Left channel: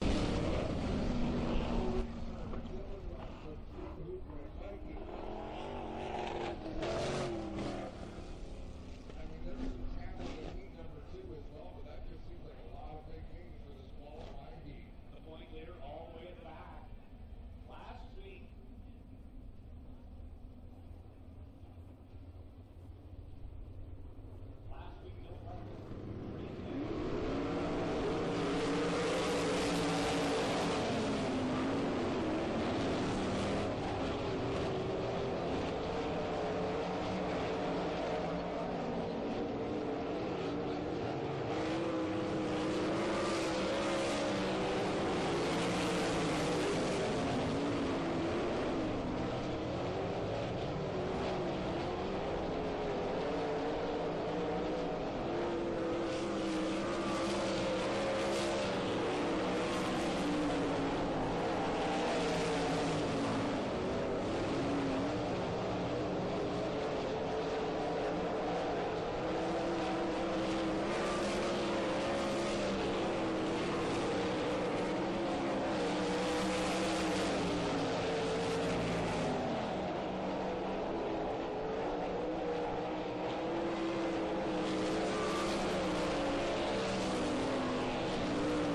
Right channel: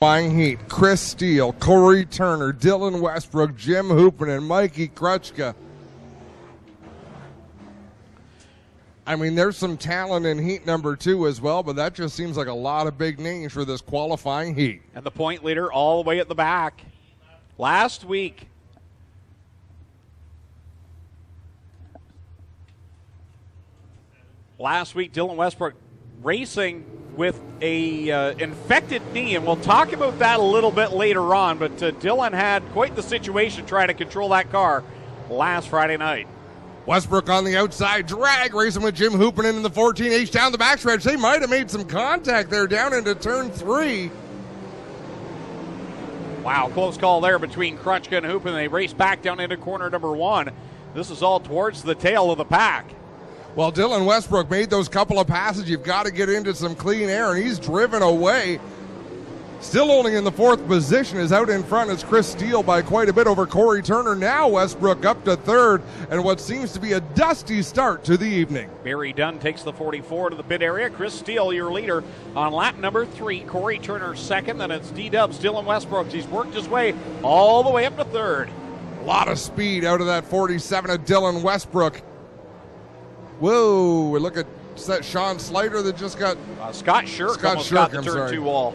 Flying Heat, Chris Steele, Corey Turner, Dylan Westbrook, Jim Hoopin, and Mikey Krutchka. I mean, there's some talent in Heat number 2 as well, but that just seems like a lot of big names for this qualifying Heat. And the point leader all the way at the back. Last week, Dylan Westbrook racing with a infected knee, and we'll talk about that a little bit later on, but Dylan had quite the situation trying to control that car last Friday night. Westbrook on the outside, drag racing with Jim Hoopin in the 14H down the backstretch. They might have made some contact there down into turn 3. Wow, close call there between Krutchka and Hoopin. They race back down into corner number 1. This is all towards the tail of the pack. Well, Dylan Westbrook made those couple of passes. You've got to get into some clean air, and he's driven away. Still only in the 4th position, is out in front is Chris Steele by quite a bit over Corey Turner. Now Westbrook up to 3rd, and what seems to be a dusty start to the evening. Barry Dunn takes the 44 to the pit area. Chris Steele, your leader on lap number 3. Corey Turner 2nd, and it's D-Dubs Dylan Westbrook. He's worked his way all the way up to 3rd. A lot of speed out of that 47 of Dylan Westbrook. Whoa, look at Sean Slater that just got... Scott Shirk almost got the turn 2 wall.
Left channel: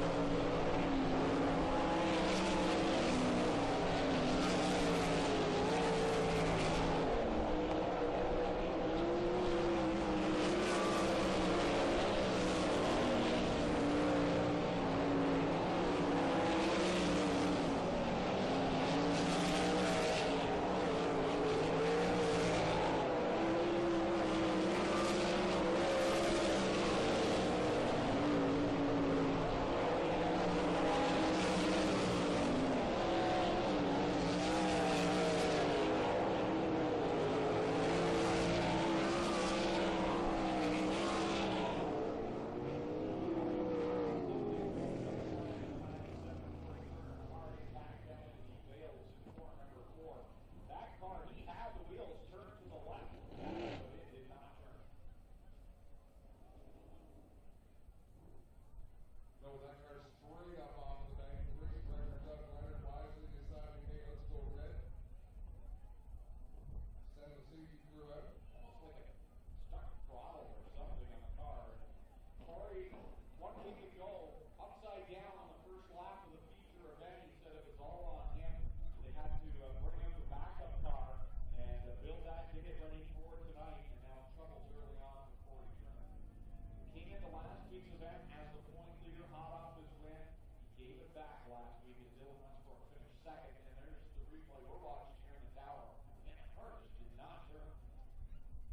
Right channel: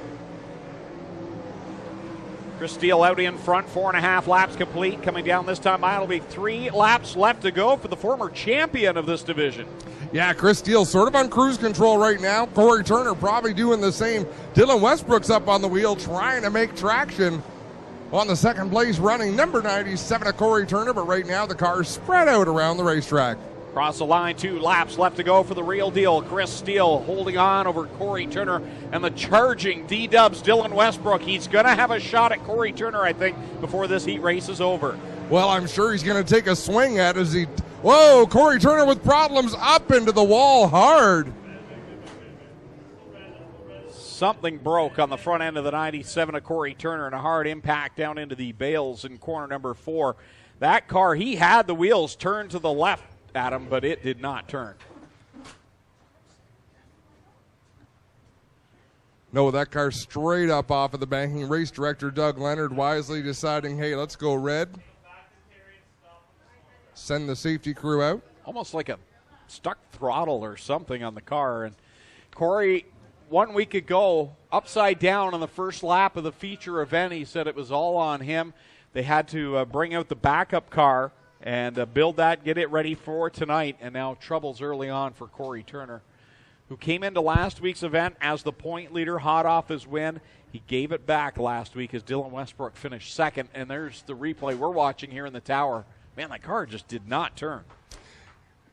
Chris Steele out in front, 4.5 laps complete. Coming down this time mile, it'll be 3 laps left to go for the former champion of this division. Yeah, Chris Steele sort of on cruise control right now. Corey Turner probably doing the same. Dylan Westbrook's up on the wheel trying to make traction on the 2nd place running number 97 of Corey Turner, but right now the car's spread out around the racetrack. Across the line, 2 laps left to go for the real deal. Chris Steele holding on over Corey Turner, and the charging D-Dubs Dylan Westbrook. He's going to have a shot at Corey Turner, I think, before this heat race is over. Well, I'm sure he's going to take a swing at it as he... Whoa, Corey Turner with problems up into the wall hard. Something broke on the front end of the 97 of Corey Turner, and a hard impact down into the bales in corner number 4. That car, he had the wheels turned to the left, Adam, but it did not turn. No, that car straight up off of the banking. Race director Doug Leonard wisely deciding, hey, let's go red. Send the safety crew out. Almost like a stuck throttle or something on the car. And Corey, 1 week ago, upside down on the first lap of the feature event, he said it was all on him. They had to bring out the backup car and build that, get it ready for tonight, and now troubles early on for Corey Turner, who came into last week's event as the point leader, hot off his win. He gave it back last week as Dylan Westbrook finished 2nd, and there's the replay we're watching here in the tower. Man, that car just did not turn.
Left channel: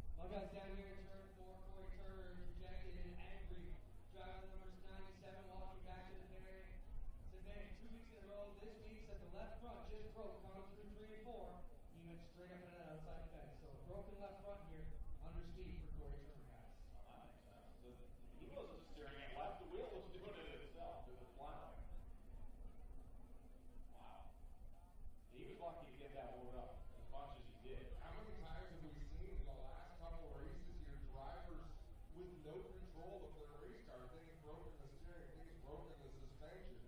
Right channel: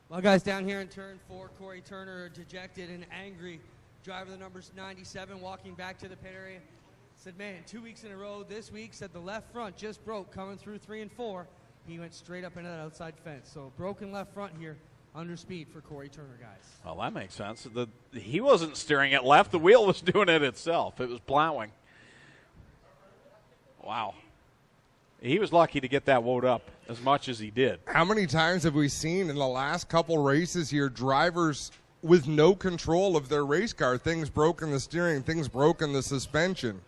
Well, guys, down here in turn 4, Corey Turner, dejected and angry. Driver the numbers 97 walking back to the pit area. Said, man, 2 weeks in a row this week, said the left front just broke coming through 3 and 4. He went straight up into that outside fence. So broken left front here, under speed for Corey Turner, guys. Well, that makes sense. He wasn't steering it left. The wheel was doing it itself. It was plowing. Wow. He was lucky to get that woad up as much as he did. How many times have we seen in the last couple races here drivers with no control of their race car? Things broke in the steering, things broke in the suspension.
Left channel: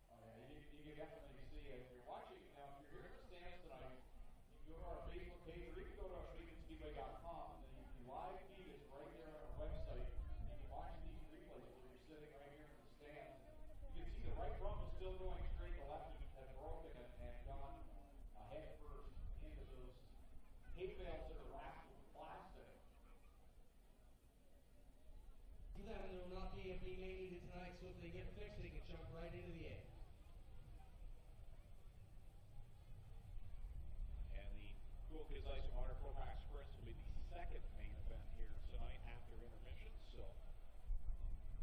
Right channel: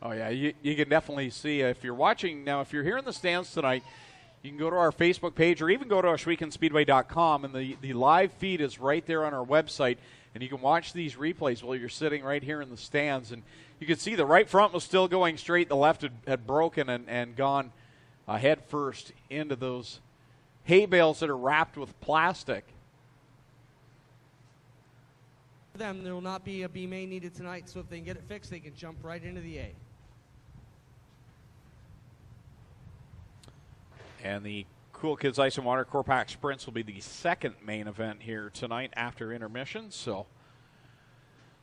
Oh, yeah, you can definitely see if you're watching. Now, if you're here in the stands tonight, you can go to our Facebook page or even go to Ohswekenspeedway.com, and the live feed is right there on our website, and you can watch these replays while you're sitting right here in the stands. And you can see the right front was still going straight. The left had broken and gone head first into those hay bales that are wrapped with plastic. For them, there will not be a B main needed tonight, so if they can get it fixed, they can jump right into the A. And the Cool Kids Ice and Water Core Pack Sprints will be the 2nd main event here tonight after intermission. So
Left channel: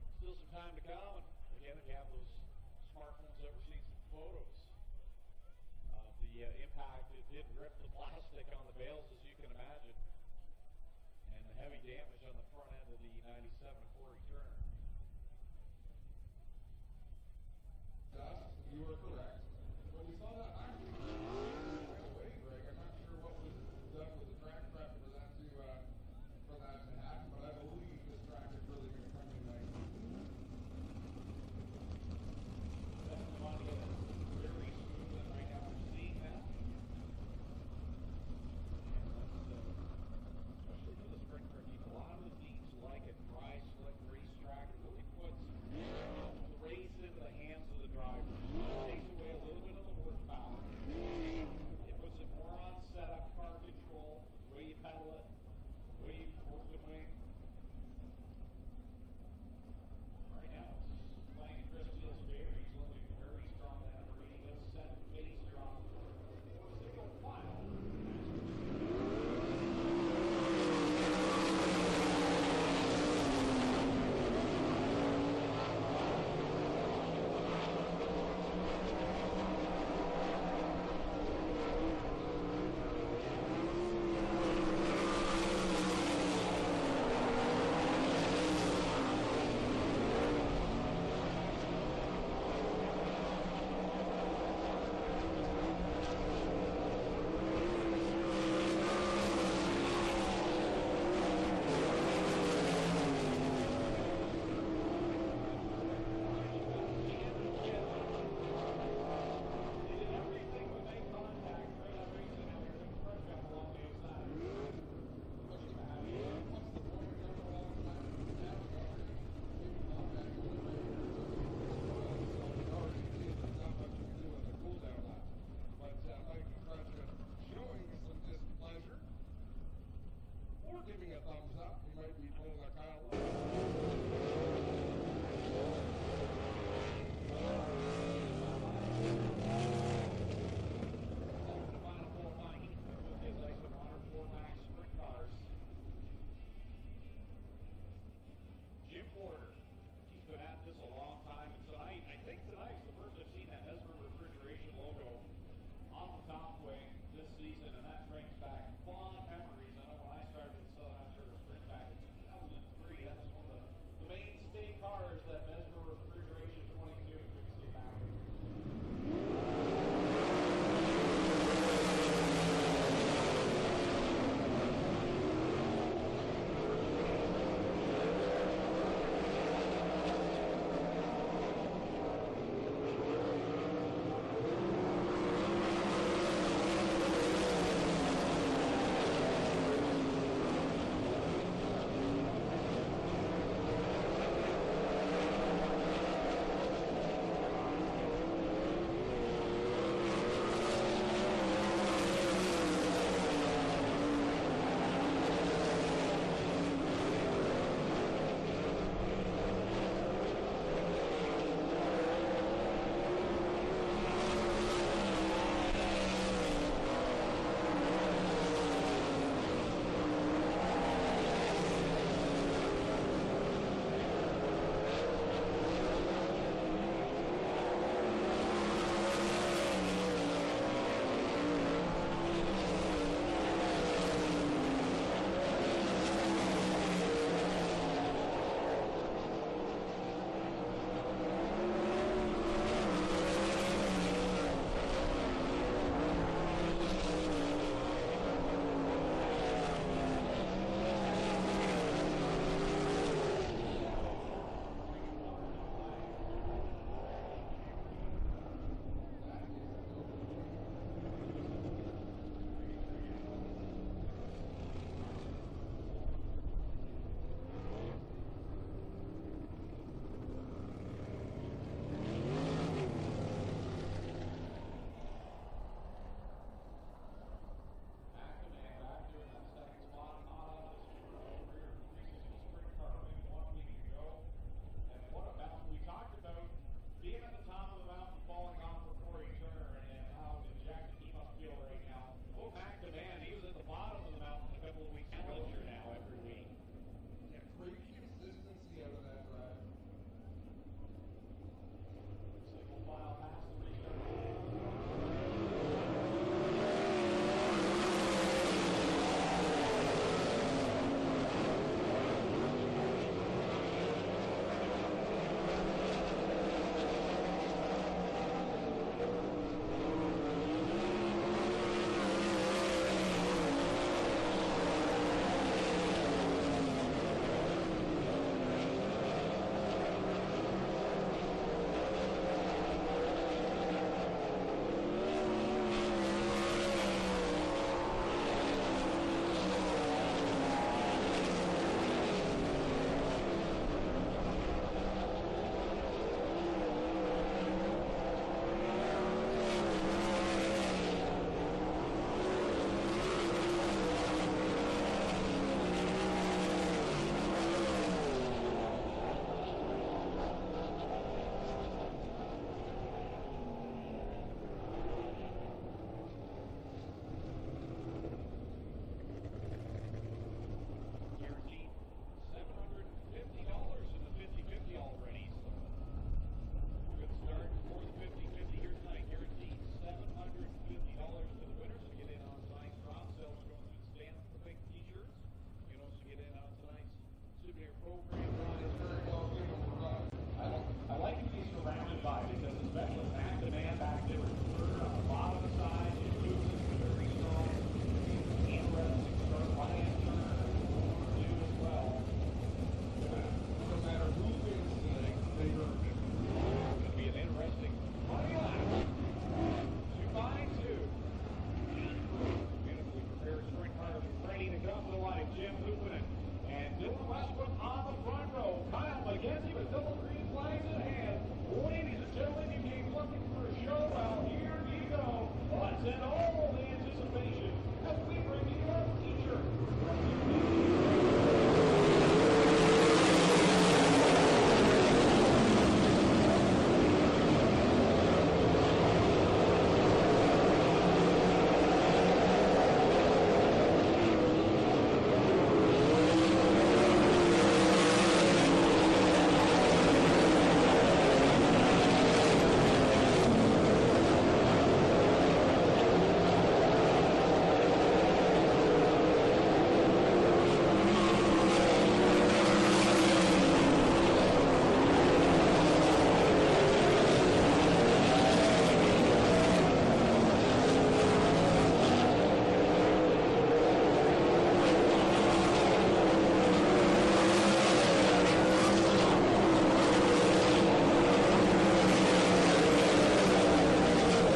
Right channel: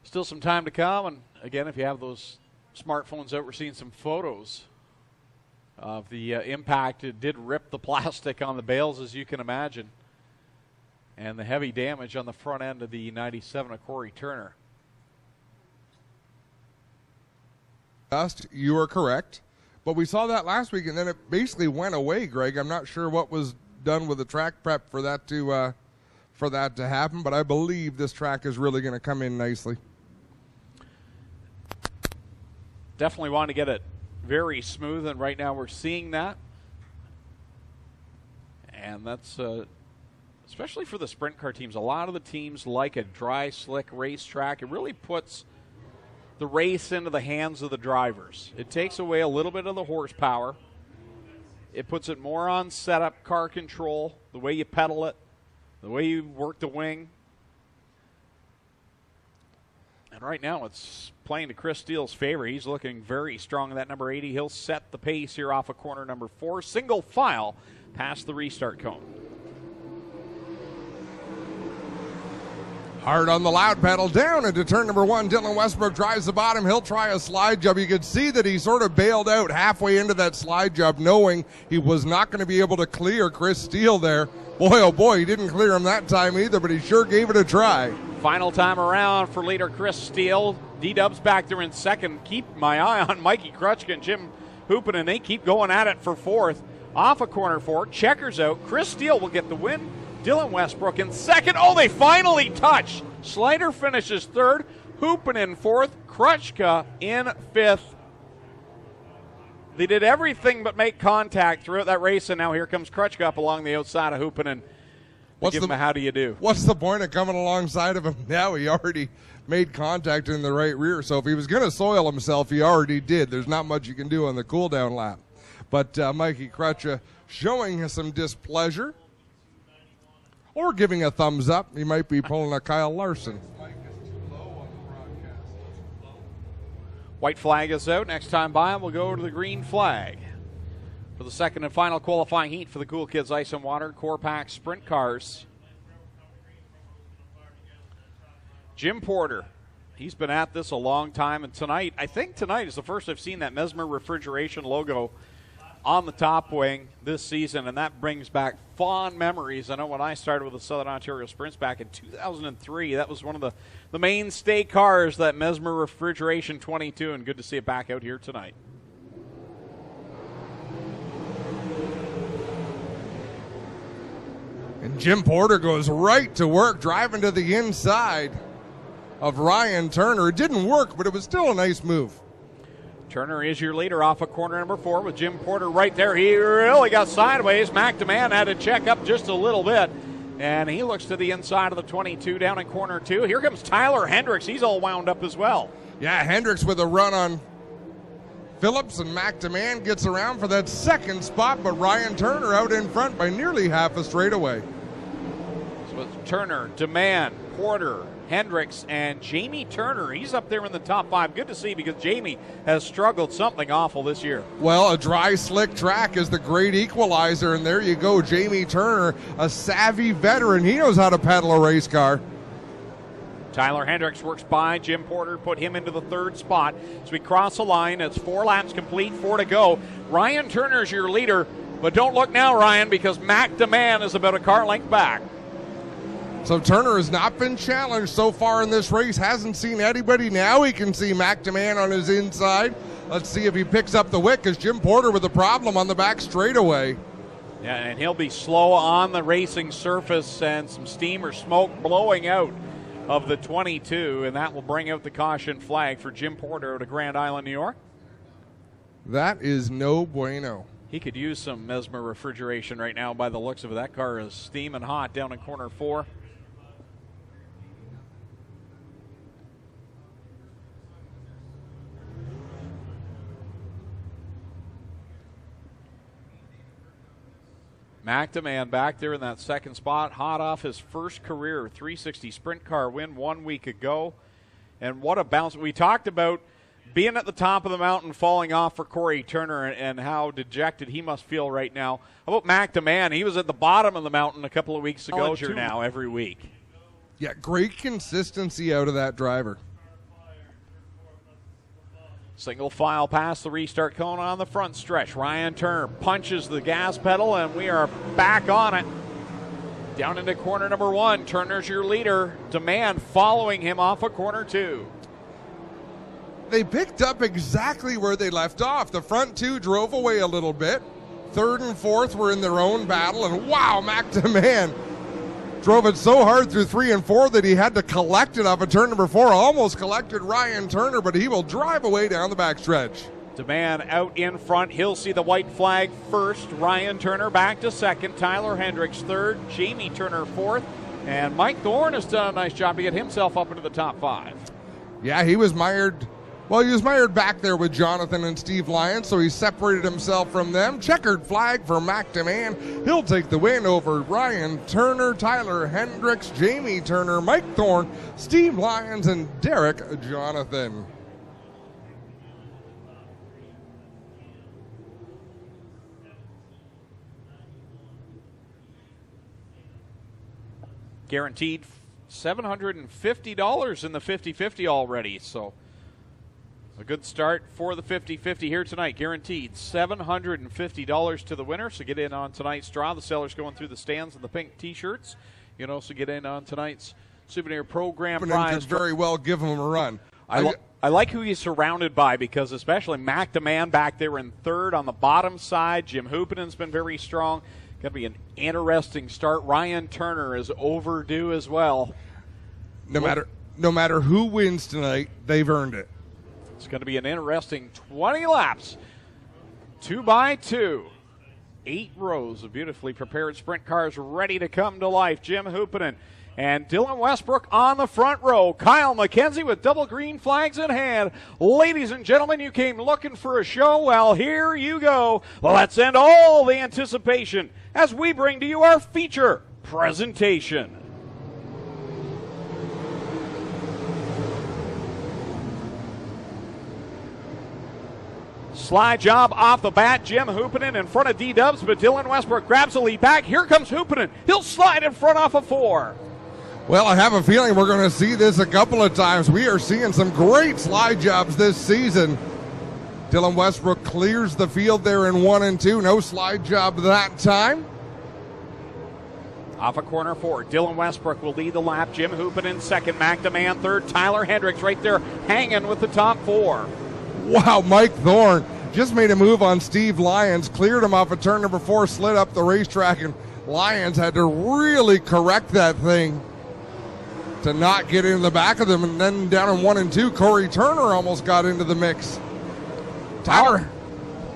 still some time to come. And again, if you have those smartphones out, we're seeing some photos of the impact. It did rip the plastic on the bales, as you can imagine, and the heavy damage on the front end of the 97 of Corey Turner. You are correct. But we saw that last week, and then it basically went away, Greg. I'm not sure what was done with the track prep for that to happen, but I believe this track is really going to come in nicely. definitely want to get it very smooth, and right now we're seeing that. And that's especially for the sprint car teams. A lot of the teams like a dry, slick racetrack. It really puts the race into the hands of the drivers. It takes away a little bit of the horsepower. It puts it more on setup, car control, the way you pedal it, the way you work the wing. And right now it's playing to Chris Steele's favor. He's looking very strong in that number 80. He'll set the pace here off of corner number 4. Single file past the restart cone. Hard on the loud pedal, down into turn number 1. Dylan Westbrook drives the bottom. He'll try a slide job. You could see that he sort of bailed out halfway into that slide job, knowing he was not going to be able to clear Chris Steele there. Boy, oh boy, he didn't clear him that time either, but he sure gave it a try. Final time around for leader Chris Steele. D-Dub's back there in second. Keep my eye on Mikey Krutchka and Jim Hoopin, and they keep going at it for 4th. Off of corner 4, checkers out. Chris Steele will get the win. Dylan Westbrook in second. Oh, they finally touch. Slider finishes 3rd. Hoopin in 4th. Krutchka in 5th. They did everything but make contact throughout that race, and now here comes Krutchka up along the outside of Hoopin and give him a how do you do. What's the point of coming alongside of him now? He already made contact in the right rear, so if he was going to soil himself, he already did. There's not much you can do on the cool-down lap. But Mikey Krutchka showing some displeasure, or giving a thumbs up. He might be pulling a Kyle Larson. White flag is out. Next time by him, we'll go to the green flag. For the second and final qualifying heat for the Cool Kids Ice and Water Core Pack Sprint Cars. Jim Porter, he's been at this a long time, and tonight, I think tonight is the first I've seen that Mesmer Refrigeration logo on the top wing this season, and that brings back fond memories. I know when I started with the Southern Ontario Sprints back in 2003, that was one of the mainstay cars, that Mesmer Refrigeration 22, and good to see it back out here tonight. And Jim Porter goes right to work, driving to the inside of Ryan Turner. It didn't work, but it was still a nice move. Turner is your leader off of corner number 4 with Jim Porter right there. He really got sideways. McDeman had to check up just a little bit, and he looks to the inside of the 22 down in corner 2. Here comes Tyler Hendricks. He's all wound up as well. Yeah, Hendricks with a run on Phillips, and McDeman gets around for that second spot, but Ryan Turner out in front by nearly half a straightaway. With Turner, DeMann, Porter, Hendricks, and Jamie Turner. He's up there in the top 5. Good to see, because Jamie has struggled something awful this year. Well, a dry, slick track is the great equalizer, and there you go. Jamie Turner, a savvy veteran. He knows how to pedal a race car. Tyler Hendricks works by Jim Porter, put him into the 3rd spot. As we cross the line, it's 4 laps complete, 4 to go. Ryan Turner's your leader, but don't look now, Ryan, because McDeman is about a car length back. So Turner has not been challenged so far in this race, hasn't seen anybody. Now he can see McDeman on his inside. Let's see if he picks up the wick, because Jim Porter with a problem on the back straightaway. Yeah, and he'll be slow on the racing surface, and some steam or smoke blowing out of the 22, and that will bring out the caution flag for Jim Porter out of Grand Island, New York. That is no bueno. He could use some Mesmer refrigeration right now by the looks of it. That car is steaming hot down in corner 4. McDeman back there in that second spot, hot off his first career 360 sprint car win 1 week ago. And what a bounce. We talked about being at the top of the mountain, falling off for Corey Turner, and how dejected he must feel right now. How about McDeman? He was at the bottom of the mountain a couple of weeks ago. Now every week. Yeah, great consistency out of that driver. Single file past the restart cone on the front stretch. Ryan Turner punches the gas pedal, and we are back on it. Down into corner number 1. Turner's your leader. DeMann following him off of corner 2. They picked up exactly where they left off. The front 2 drove away a little bit. 3rd and 4th were in their own battle, and wow, McDeman drove it so hard through 3 and 4 that he had to collect it off of turn number 4. Almost collected Ryan Turner, but he will drive away down the backstretch. DeMann out in front. He'll see the white flag first. Ryan Turner back to second. Tyler Hendricks third. Jamie Turner fourth. And Mike Thorne has done a nice job to get himself up into the top 5. Yeah, he was mired. Well, he was mired back there with Jonathan and Steve Lyons, so he separated himself from them. Checkered flag for Mac DeMann. He'll take the win over Ryan Turner, Tyler Hendricks, Jamie Turner, Mike Thorne, Steve Lyons, and Derek Jonathan. Guaranteed $750 in the 50-50 already, so a good start for the 50-50 here tonight. Guaranteed $750 to the winner, so get in on tonight's draw. The sellers going through the stands in the pink t-shirts. You can also get in on tonight's souvenir program prize. Could very well give him a run. I like who he's surrounded by, because especially Mac DeMann back there in third on the bottom side. Jim Hoopinen's been very strong. Going to be an interesting start. Ryan Turner is overdue as well. No matter who wins tonight, they've earned it. It's going to be an interesting 20 laps. 2 by 2. 8 rows of beautifully prepared sprint cars ready to come to life. Jim Hoopinen and Dylan Westbrook on the front row. Kyle McKenzie with double green flags in hand. Ladies and gentlemen, you came looking for a show. Well, here you go. Let's end all the anticipation as we bring to you our feature presentation. Slide job off the bat. Jim Hoopinen in front of D-Dubs, but Dylan Westbrook grabs the lead back. Here comes Hoopinen. He'll slide in front off of 4. Well, I have a feeling we're going to see this a couple of times. We are seeing some great slide jobs this season. Dylan Westbrook clears the field there in 1 and 2. No slide job that time. Off of corner 4, Dylan Westbrook will lead the lap. Jim Hoopinen second. Mac DeMann third. Tyler Hendricks right there hanging with the top 4. Wow, Mike Thorne just made a move on Steve Lyons, cleared him off of turn number 4, slid up the racetrack, and Lyons had to really correct that thing to not get in the back of them. And then down in 1 and 2, Corey Turner almost got into the mix. How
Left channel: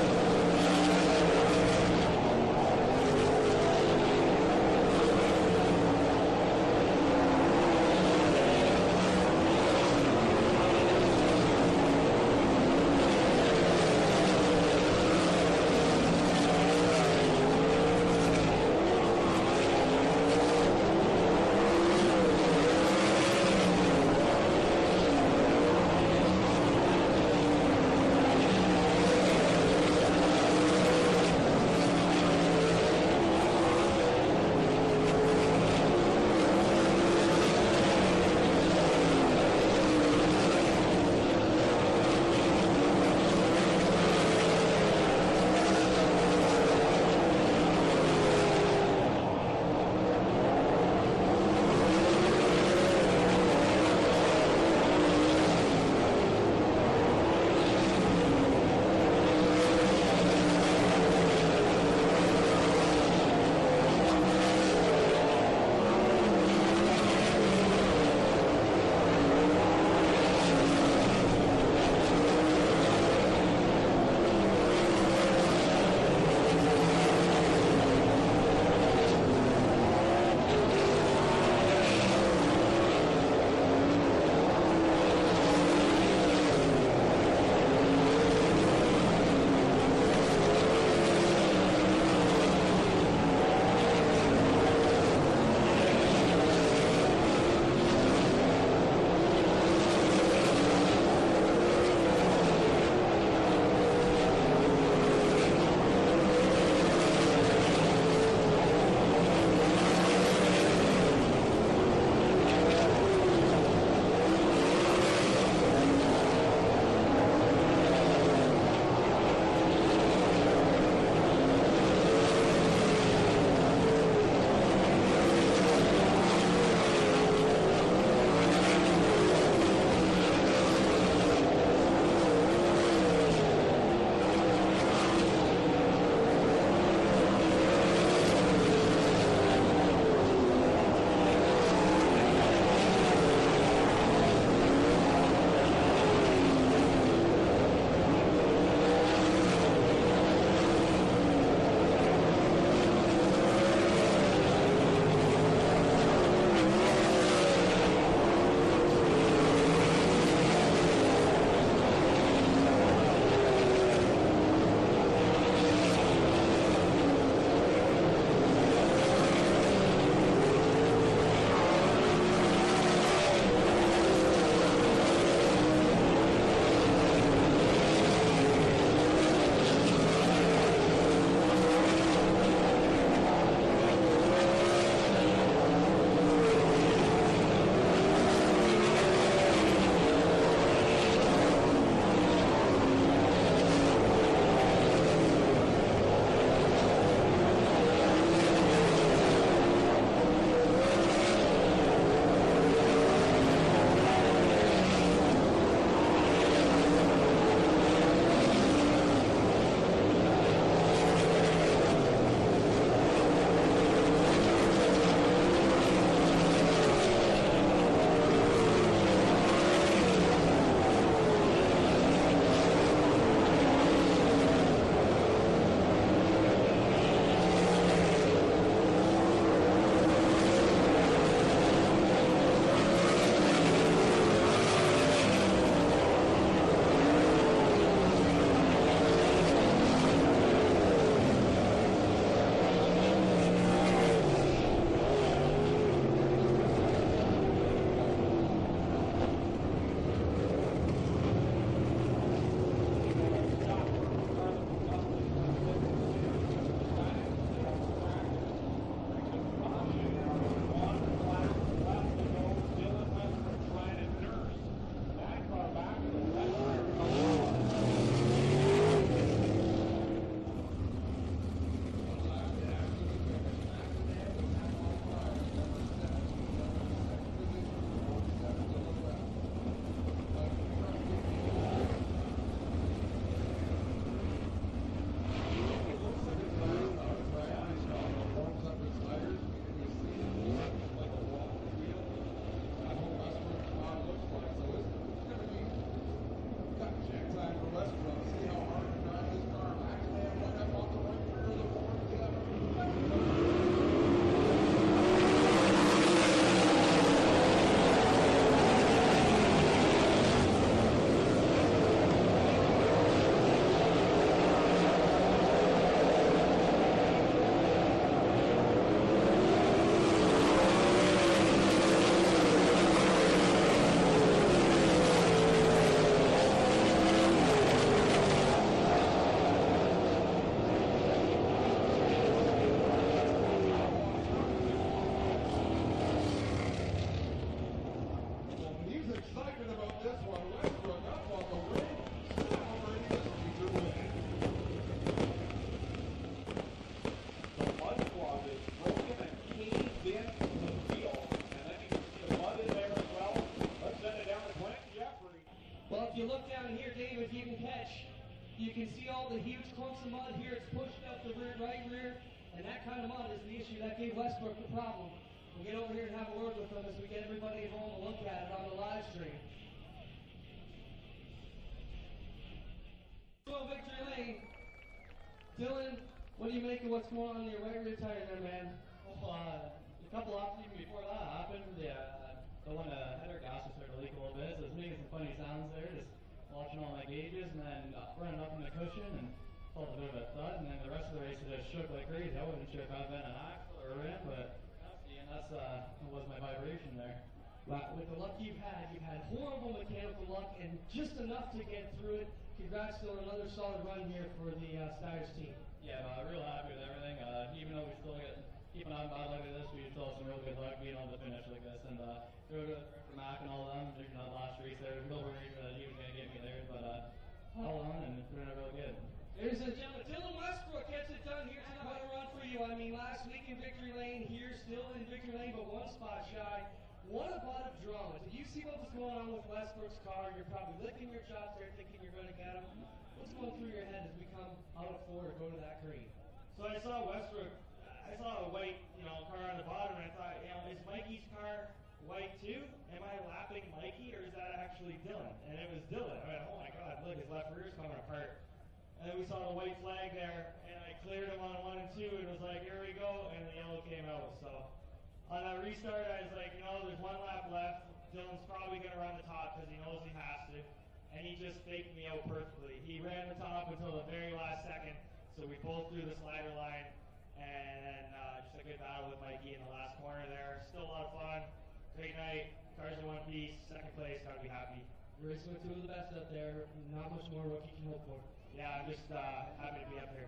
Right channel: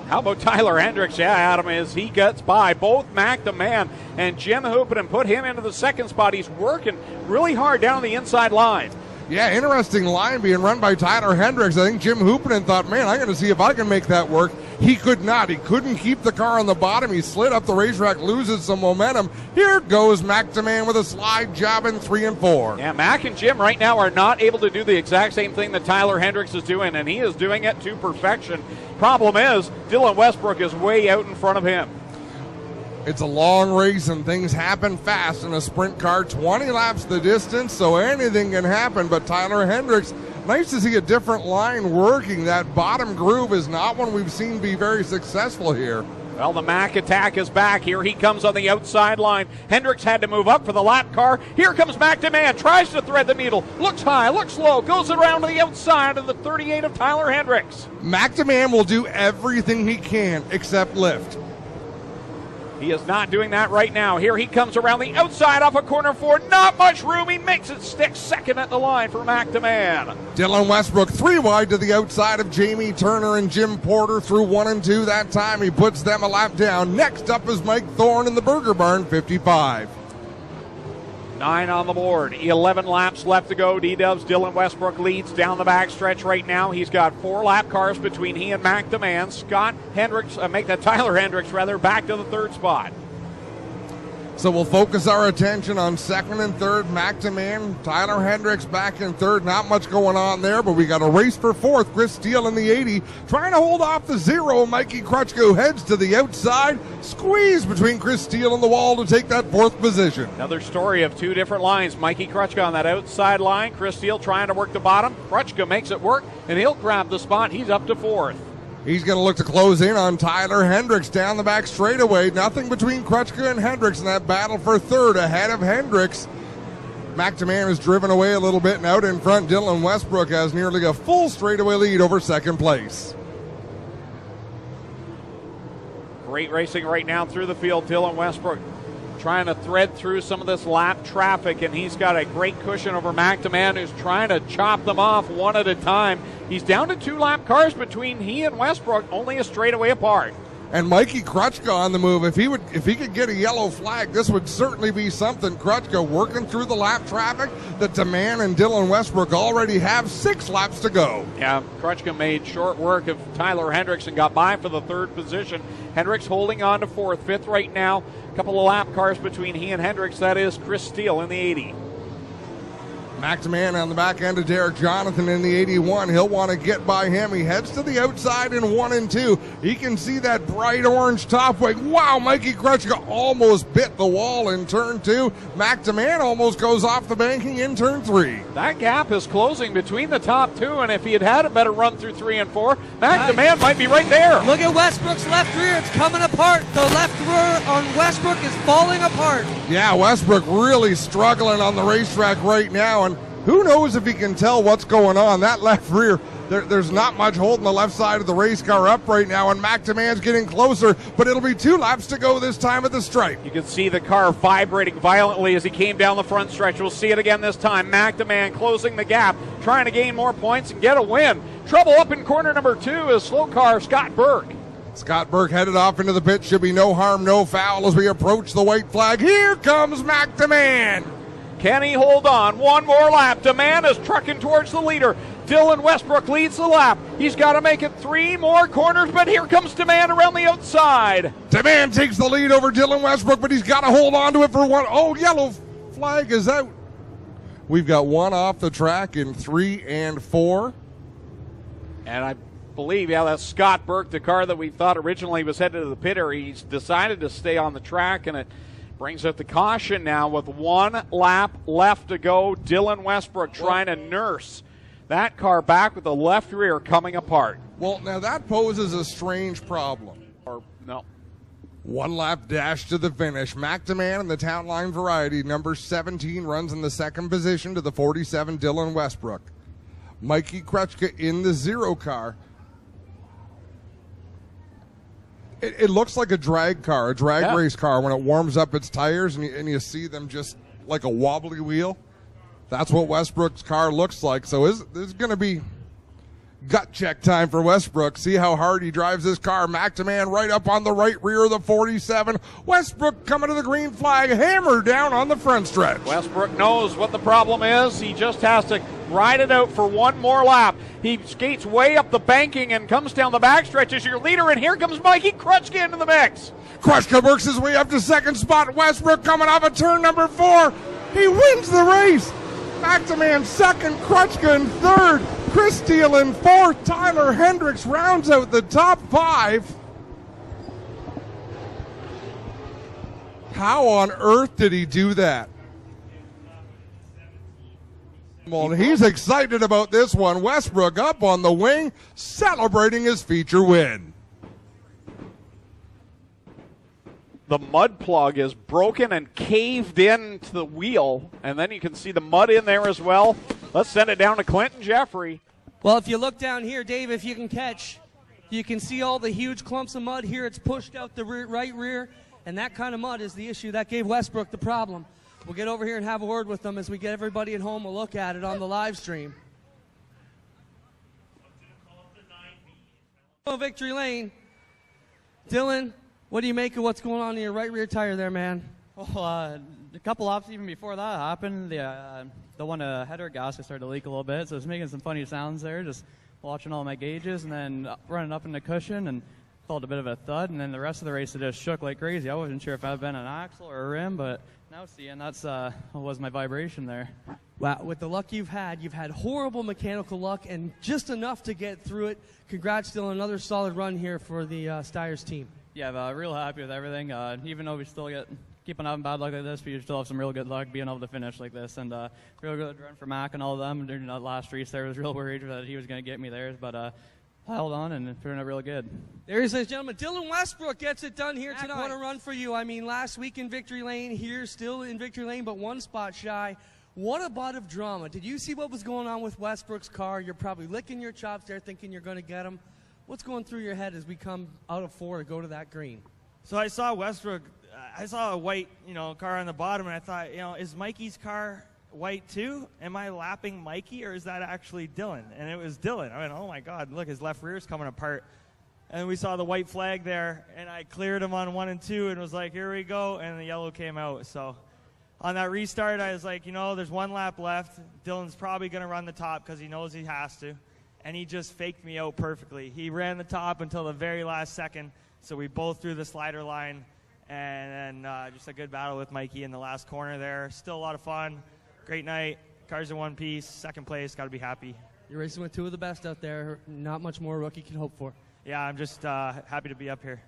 about Tyler Hendricks? Yeah, Adam, as he gets by both Mac DeMann and Jim Hoopinen, put him into the second spot. He's working really hard down the inside line. Yeah, interesting line being run by Tyler Hendricks. I think Jim Hoopinen thought, man, I'm going to see if I can make that work. He could not. He couldn't keep the car on the bottom. He slid up the racetrack, loses some momentum. Here goes Mac DeMann with a slide job in 3 and 4. Yeah, Mac and Jim right now are not able to do the exact same thing that Tyler Hendricks is doing, and he is doing it to perfection. Problem is, Dylan Westbrook is way out in front of him. It's a long race and things happen fast in a sprint car. 20 laps the distance, so anything can happen. But Tyler Hendricks, nice to see a different line working. That bottom groove is not one we've seen be very successful here. Well, the Mac attack is back. Here he comes on the outside line. Hendricks had to move up for the lap car. Here comes Mac DeMann, tries to thread the needle. Looks high, looks low, goes around to the outside of the 38 of Tyler Hendricks. Mac DeMann will do everything he can except lift. He is not doing that right now. Here he comes around the outside off of corner 4. Not much room. He makes it stick second at the line for Mac DeMann. Dylan Westbrook 3 wide to the outside of Jamie Turner and Jim Porter through 1 and 2 that time. He puts them a lap down. Next up is Mike Thorne in the Burger Barn 55. 9 on the board. 11 laps left to go. D-Dubs, Dylan Westbrook leads down the backstretch right now. He's got 4 lap cars between he and Mac DeMann. Tyler Hendricks back to the 3rd spot. So we'll focus our attention on 2nd and 3rd. Mac DeMann, Tyler Hendricks back in 3rd. Not much going on there, but we got a race for 4th. Chris Steele in the 80, trying to hold off the 0. Mikey Crutchko heads to the outside. Squeeze between Chris Steele and the wall to take that 4th position. Another story of 2 different lines. Mikey Crutchko on that outside line. Chris Steele trying to work the bottom. Crutchko makes it work, and he'll grab the spot. He's up to 4th. He's going to look to close in on Tyler Hendricks down the back straightaway. Nothing between Crutchko and Hendricks in that battle for 3rd ahead of Hendricks. Mac DeMann is driven away a little bit, and out in front, Dylan Westbrook has nearly a full straightaway lead over 2nd place. Great racing right now through the field. Dylan Westbrook trying to thread through some of this lap traffic, and he's got a great cushion over McDeman, who's trying to chop them off one at a time. He's down to 2 lap cars between he and Westbrook, only a straightaway apart. And Mikey Krutchka on the move. If he could get a yellow flag, this would certainly be something. Krutchka working through the lap traffic. The DeMann and Dylan Westbrook already have 6 laps to go. Yeah, Krutchka made short work of Tyler Hendricks and got by for the 3rd position. Hendricks holding on to 4th, 5th right now. A couple of lap cars between he and Hendricks. That is Chris Steele in the 80. McDeman on the back end of Derek Jonathan in the 81. He'll want to get by him. He heads to the outside in 1 and 2. He can see that bright orange top wing. Wow, Mikey Krutchka almost bit the wall in turn 2. McDeman almost goes off the banking in turn 3. That gap is closing between the top 2, and if he had had a better run through 3 and 4, McDeman might be right there. Look at Westbrook's left rear. It's coming apart. The left rear on Westbrook is falling apart. Yeah, Westbrook really struggling on the racetrack right now, and who knows if he can tell what's going on. That left rear, there's not much holding the left side of the race car up right now, and McDeman's getting closer, but it'll be 2 laps to go this time at the stripe. You can see the car vibrating violently as he came down the front stretch. We'll see it again this time. McDeman closing the gap, trying to gain more points and get a win. Trouble up in corner number 2 is slow car Scott Burke. Scott Burke headed off into the pit. Should be no harm, no foul as we approach the white flag. Here comes McDeman. Can he hold on? One more lap. DeMann is trucking towards the leader. Dylan Westbrook leads the lap. He's got to make it 3 more corners, but here comes DeMann around the outside. DeMann takes the lead over Dylan Westbrook, but he's got to hold on to it for 1. Oh, yellow flag is out. We've got 1 off the track in 3 and 4. And I believe, yeah, that's Scott Burke, the car that we thought originally was headed to the pit area. He's decided to stay on the track, and it brings up the caution now with 1 lap left to go. Dylan Westbrook trying to nurse that car back with the left rear coming apart. Well, now that poses a strange problem. Or no. 1 lap dash to the finish. McDeman in the Town Line Variety, number 17, runs in the 2nd position to the 47, Dylan Westbrook. Mikey Krutchka in the 0 car. It looks like a drag car, a drag race car when it warms up its tires and you see them just like a wobbly wheel. That's what Westbrook's car looks like. So this is going to be gut check time for Westbrook. See how hard he drives this car. McDeman right up on the right rear of the 47. Westbrook coming to the green flag, hammered down on the front stretch. Westbrook knows what the problem is. He just has to ride it out for 1 more lap. He skates way up the banking and comes down the backstretch as your leader, and here comes Mikey Krutchka into the mix. Krutchka works his way up to 2nd spot. Westbrook coming off of turn number 4. He wins the race. McDeman 2nd, Krutchka in 3rd. Chris Steele in 4th. Tyler Hendricks rounds out the top 5. How on earth did he do that? Well, he's excited about this one. Westbrook up on the wing, celebrating his feature win. The mud plug is broken and caved into the wheel, and then you can see the mud in there as well. Let's send it down to Clinton Jeffrey. Well, if you look down here, Dave, if you can catch, you can see all the huge clumps of mud here. It's pushed out the right rear, and that kind of mud is the issue that gave Westbrook the problem. We'll get over here and have a word with them as we get everybody at home a look at it on the live stream. Victory Lane. Dylan, what do you make of what's going on in your right rear tire there, man? Well, a couple laps even before that happened, the one header gasket started to leak a little bit, so it's making some funny sounds there, just watching all my gauges, and then running up in the cushion, and felt a bit of a thud, and then the rest of the race it just shook like crazy. I wasn't sure if I'd been an axle or a rim, but now seeing that's was my vibration there. Wow, with the luck you've had horrible mechanical luck and just enough to get through it. Congrats, Dylan, another solid run here for the Styres team. Yeah, real happy with everything. Even though we still keep on having bad luck like this, we still have some real good luck being able to finish like this. And real good run for Mac and all of them during that last race there. I was real worried that he was going to get me theirs, but held on and it turned out real good. Ladies and gentlemen, Dylan Westbrook gets it done here tonight. What a run for you. I mean, last week in Victory Lane, here still in Victory Lane, but 1 spot shy. What a bit of drama. Did you see what was going on with Westbrook's car? You're probably licking your chops there thinking you're going to get him. What's going through your head as we come out of 4 to go to that green? So I saw Westbrook I saw a white, car on the bottom, and I thought, is Mikey's car white too? Am I lapping Mikey, or is that actually Dylan? And it was Dylan. I went, oh my God, look, his left rear's coming apart. And we saw the white flag there, and I cleared him on 1 and 2 and was like, here we go, and the yellow came out. So on that restart, I was like, there's 1 lap left. Dylan's probably going to run the top because he knows he has to. And he just faked me out perfectly. He ran the top until the very last second, so we both threw the slider line, and then just a good battle with Mikey in the last corner there. Still a lot of fun. Great night. Cars in one piece. Second place. Got to be happy. You're racing with 2 of the best out there. Not much more a rookie can hope for. Yeah, I'm just happy to be up here.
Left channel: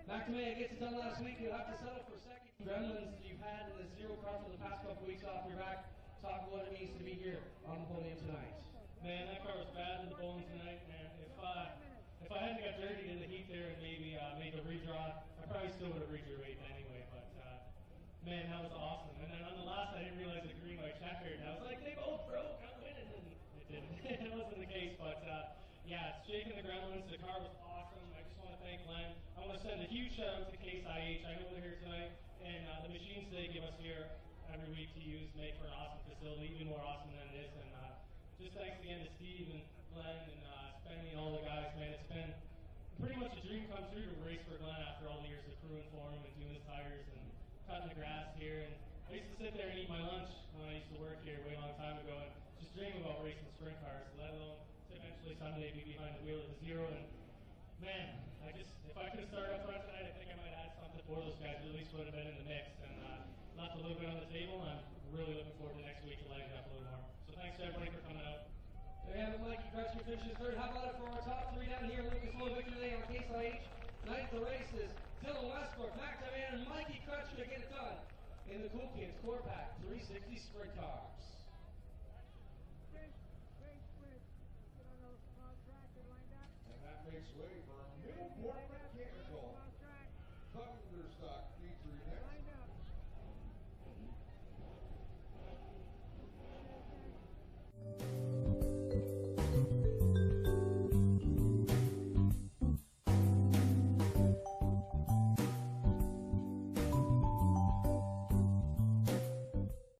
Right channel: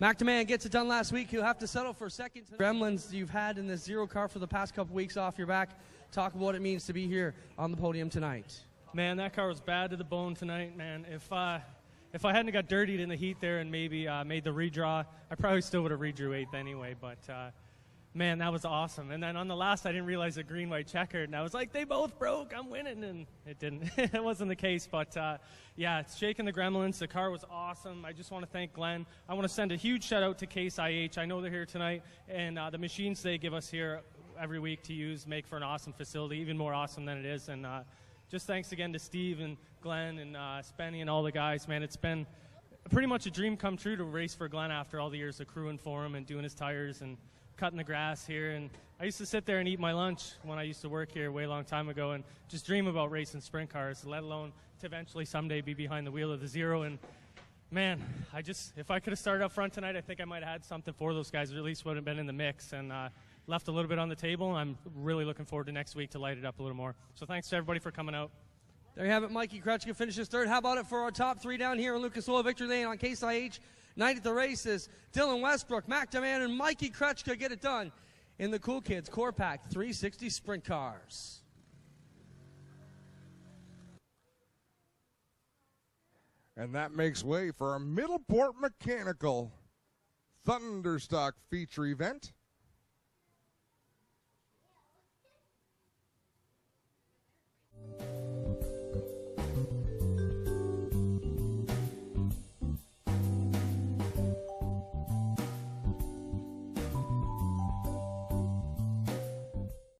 Mac DeMan gets it done last week. He'll have to settle for second. Gremlins you've had in this 0 car for the past couple weeks off your back. Talk about what it means to be here on the podium tonight. Man, that car was bad to the bone tonight, man. If I hadn't got dirtied in the heat there and maybe made the redraw, I probably still would have redrew 8th anyway, but man, that was awesome. And then on the last, I didn't realize the green-white checkered, and I was like, they both broke, I'm winning, and it didn't. It wasn't the case, but yeah, it's shaking the Gremlins. The car was awesome. I just want to thank Glenn. I want to send a huge shout-out to Case IH. I know they're here tonight, and the machines they give us here every week to use make for an awesome facility, even more awesome than it is, and just thanks again to Steve and Glenn and Spenny and all the guys, man. It's been pretty much a dream come true to race for Glenn after all the years of crewing for him and doing his tires and cutting the grass here. And I used to sit there and eat my lunch when I used to work here way long time ago and just dream about racing sprint cars, let alone to eventually someday be behind the wheel of the 0. And man, if I could have started up front tonight, I think I might have had something for those guys, or at least would have been in the mix. And left a little bit on the table. I'm really looking forward to next week to light it up a little more. So thanks to everybody for coming out. There you have it. Mikey Krechka finishes 3rd. How about it for our top 3 down here in Lucas Oil Victory Lane on Case IH? Night at the races. Dylan Westbrook, Mac DeMan, and Mikey Krechka get it done in the Cool Kids Core Pack 360 Sprint Cars. And that makes way for a Middleport Mechanical Thunderstock feature event.